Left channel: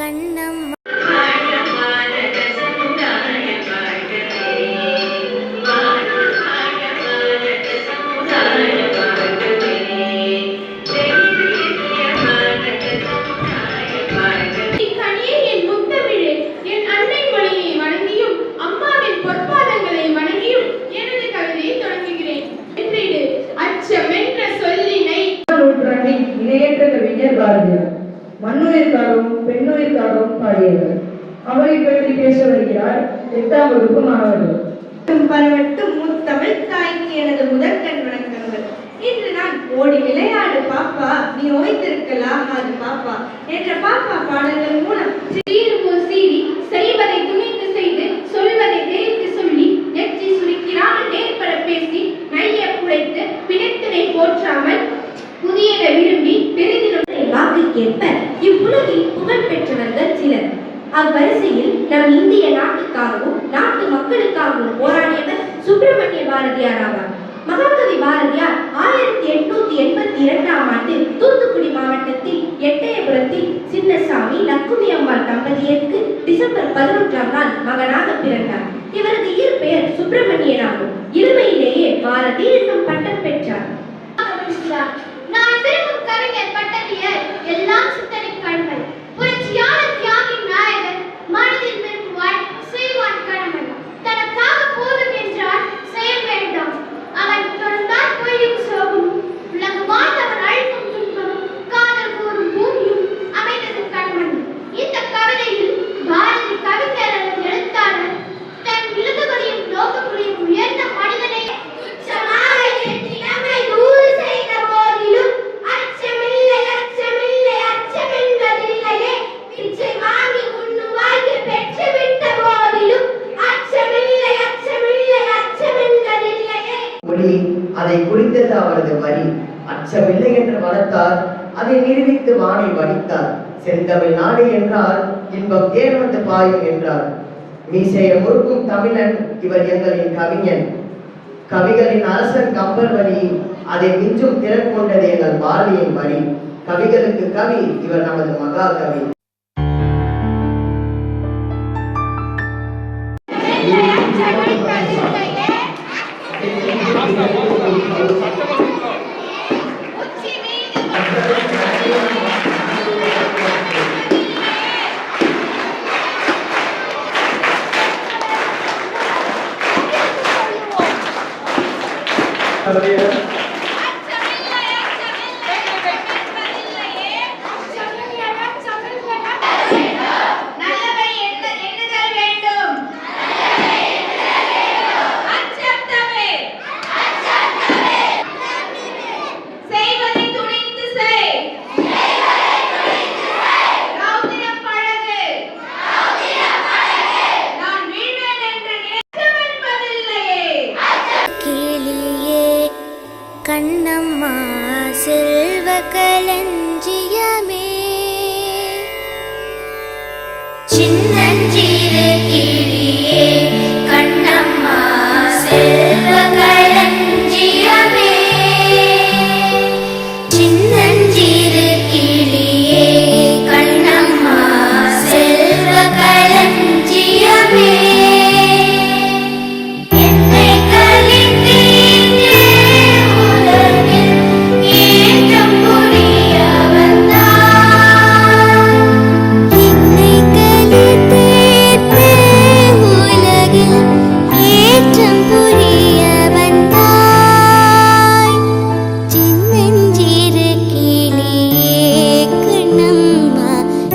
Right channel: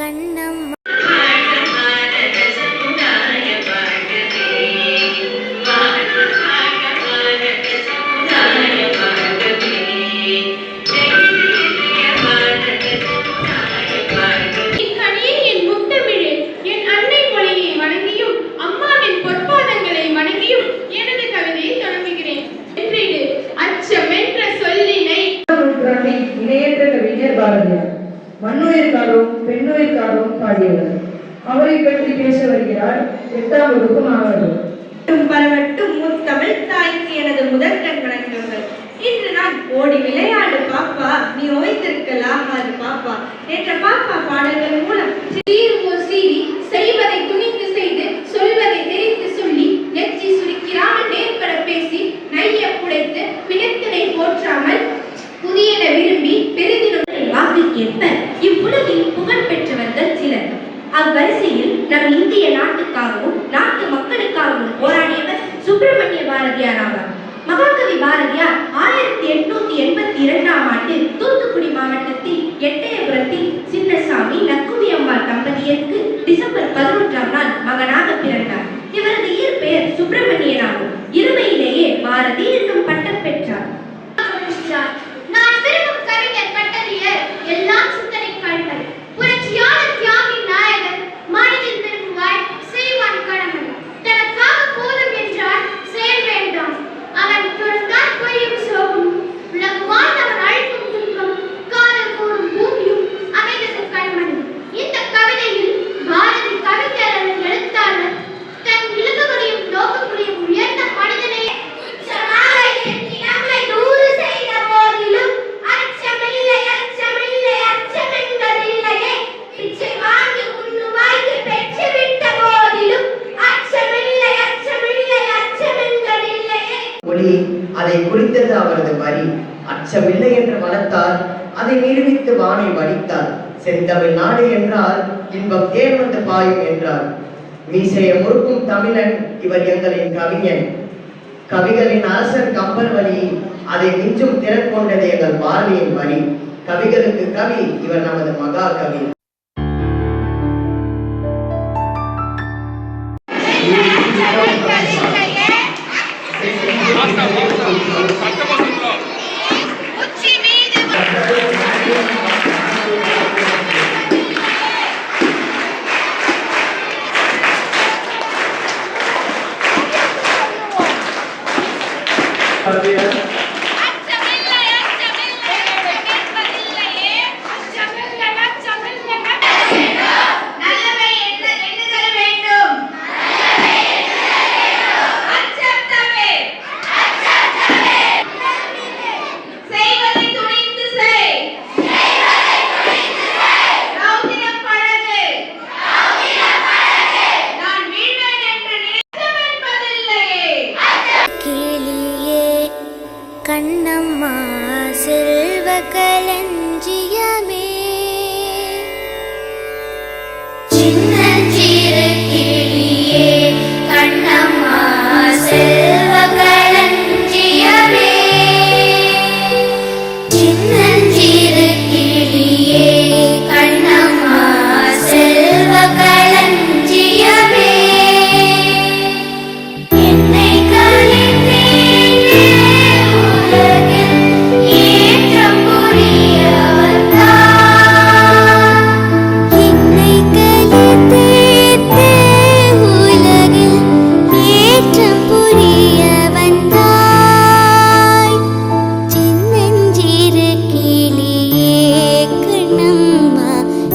கண்ணம்மா இணையற்ற கவிஞர் பாரதியார் மண்ணுயிர்க்காகவும் பெண்ணுயிர்க்காகவும் பாடியவர். அவரை பற்றி பேச வருகிறார் 8ஆம் வகுப்பு மாணவர்கள். பலவட்டும் முத்தமிழ் தாய்க்கு எனது முதற்கண் வணக்கங்கள். இன்று நான் ஓடி விளையாடு பாப்பா நீ ஓய்ந்திருக்கலாகாது பாப்பா என்ற பாப்பா பாடல்கள் மூலம் செய்வதை துணிந்து செய்து சொல்வதை தெரிந்து சொல்லி நெற்றி சுருக்கிறாமல் நேர்பட பேசி நைய புடைத்து பிணத்தினை போற்றாமல் புதியன விரும்பி பெருந்தினுடைய வாக்குக்கேற்ப இவ்வுலகில் புகழ் பெற்றவர்கள் சிலர். அவ்வரிசையில் நம் இந்திய நாட்டுக்காகவும் நாட்டு மக்களுக்காகவும் போராடியவர் சுப்பிரமணிய பாரதியார் ஆவார். மகாகவி பாரதியார் 1882ஆம் ஆண்டு தூத்துக்குடி மாவட்டத்தில் எட்டயபுரத்தில் சின்னசாமி லக்குமி அம்மாள் தம்பதியருக்கு டிசம்பர் 11ஆம் நாள் மகனாக பிறந்தார். இவரது இயற்பெயர் சுப்பிரமணியன் ஆகும். இளமையிலேயே பாரதி என்னும் பட்டம் பெற்றார். நான் விரும்பும் கவிஞர் பட்டறியர் எல்லாம் சிந்தனை கண்கள் புரட்சியாளர் தியாகின் நாயகன் மனிதன் விரும்புவாய் செய்வான் கடமன் தனக்காக போதும் என்றால் செயல் வேண்டாம் அவன் தொடர்ந்தால் பொய்யும் சோகும் உலகுவான் அவன் அழைக்கும் துன்பம் காதல் கூறும் பூமியும் அமைந்தது கடமன். இந்த கவிதையில் பாரதி கவிஞர் எழுத்தாளர் தன் இலக்குகளையும் நோக்கங்களையும் உயர்ந்த மனிதனை அதை குறித்தது அவரது வரி. அச்சமில்லை என்று வளர்த்தார், அதை நிரூபித்து வானை வடித்தார். செந்தமிழ் நாடு என்றால் இன்பம் தேன் வந்து பாயும் என்றார். மீசையை முறுக்கும் தமிழன் இவர் எங்களின் கவிஞன். கவிகளின் அரசன் கம்பர் வழி, அதை மிஞ்சும் திறன் கொண்டது எங்கள் பாரதியின் வரி. கவிகளுக்கு கவி இவர் நமது மகா கவி. கண்ணம்மா செல்வ களஞ்சியமே சின்னஞ்சிறு கிளியே கண்ணம்மா செல்வ களஞ்சியமே சின்னஞ்சிறு கிளியே கண்ணம்மா செல்வ களஞ்சியமே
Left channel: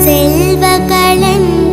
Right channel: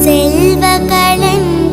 செல்வ களஞ்சியமே